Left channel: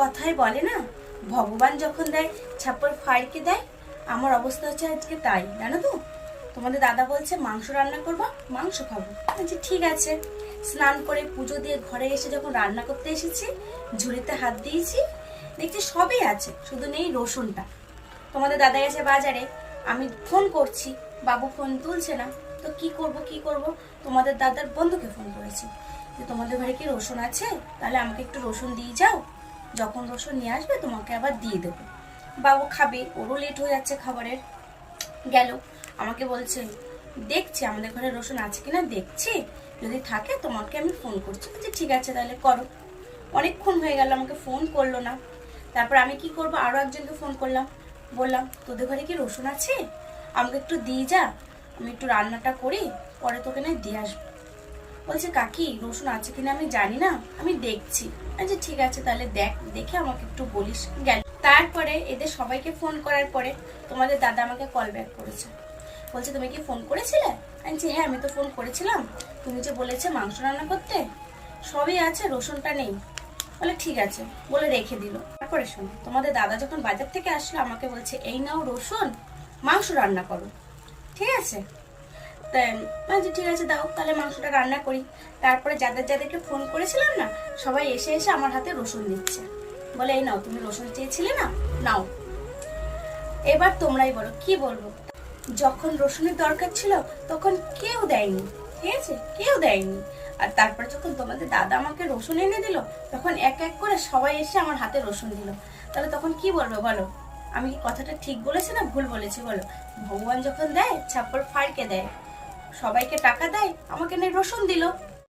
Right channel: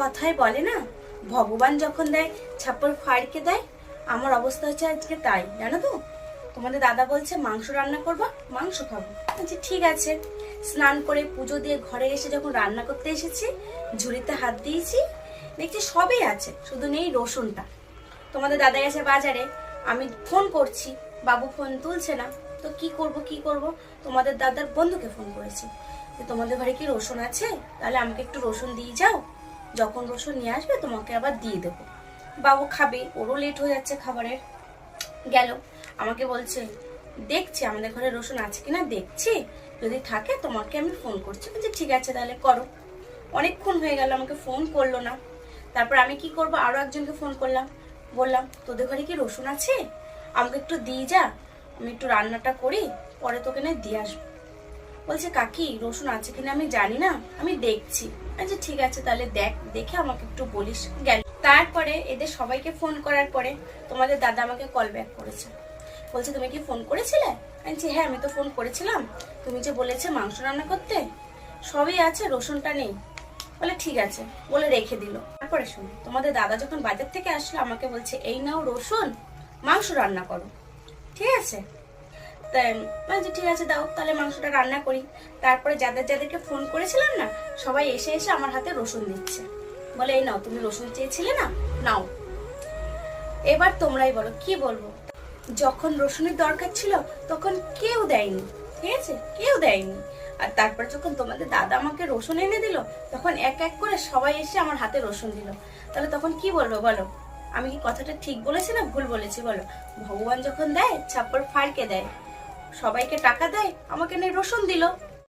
কথায় বলে না? ভগবান যখন দেয়, ছাপ্পর ফাড়কে দেয়, আমার অবস্থা হচ্ছে আজকে তাই, জানো তো? তোমাদের দাদা বলছে, মাংস রান্না করব, মাংস খাব। আচ্ছা ঠিক আছে। স্নান করে পুজো দিয়ে ঘরে এসে যখন রান্না করতে এসেছি, ঝুড়িতে হাত দিয়েছি, দেখছি সবই আছে, শুধু নেই রসুনটা। তোমাদের দাদা গেছে বাজারে, আমি ফোন করছি, বাবু ফোন তুলছে না। তো কি করব কি করব? তোমাদের দাদার বন্ধুকে ফোন করেছি। যে তোমাদের ঘরে কি রসুন আছে? তাহলে আমাকে একটু রসুন দিয়ে যাও। যখন রসুন নিয়ে আসবে, তোমাকে আবার দিয়ে দেবো। বাবু খাবে, ওরও লেট হয়ে যাচ্ছে খাবারের। গেল, আমাকে বলছে, দেখছি, আমাদের ঘরে রসুন আছে কিনা, দেখছি। যদি থাকে, তোমাকে আমি ফোন করছি। বলছি, ঠিক আছে, তাহলে করো। অনেকক্ষণ হয়ে গেল, আমাকে ফোন করল না। তারপর আমি কি করব? আরও একজনকে ফোন করলাম। বললাম, তোদের ঘরে কি রসুন আছে? আমাকে একটু দিয়ে যা। আমি একটু রান্নাটা করি, পরে তোকে না দিয়ে আসব। বলছে, কাকি, রসুন আছে কিনা আমি জানি না, আমি দেখছি। আচ্ছা ঠিক আছে, তাহলে দেখ, দেখে আমাকে একটু বলিস। গেল। তারপরে এদের সবাইকে ফোন করার পরে তোমাদের দাদা আমাকে কল ব্যাক করেছে। বলছে, তুমি কি ফোন করেছিলে? আমি হ্যাঁ আমি তো ফোন করেছিলাম। তুমি যে বলেছে মাংস রান্না করতে, সবই আছে, রসুনটা নেই। বলে, ঠিক আছে। বলে রেখে দিল। তারপরে শোনো, তোমাদের দাদা যখন বাজার থেকে আসলো, আমাকে বলছে, এই নাও রসুন, মাংস রান্না করো। ঠিক আছে? বলছি, ঠিক আছে, দাও, তাহলে মাংসটা রান্না করি। তারপরে যাদের যাদেরকে ফোন করেছিলাম না, সবাই এসে এসে আমার হাতে রসুন দিচ্ছে। বলে, এই নাও, তুমি রসুন চেয়েছিলে না? নাও। এবার তোমরাই বলো, কি বলব? যখন রসুনের দরকার ছিল, তখন কেউ দেয়নি। ঠিক আছে? কেউ দেয়নি। আর তারপরে যখন তোমাদের দাদা আমাকে রসুন এনে দিল, তখন এক এক করে সবাই এসে আমার হাতে রসুন দিল। তাহলে তখন কি বলব বলো? আমি কি কথাটা ঠিক বলেছি না ভুল বলেছি বলো? ভগবান যখন দেয়, ছাপ্পর ফাড়কে দেয়। সবাইকে টাকা দেয় আমাকে নিয়ে রসুন দিল।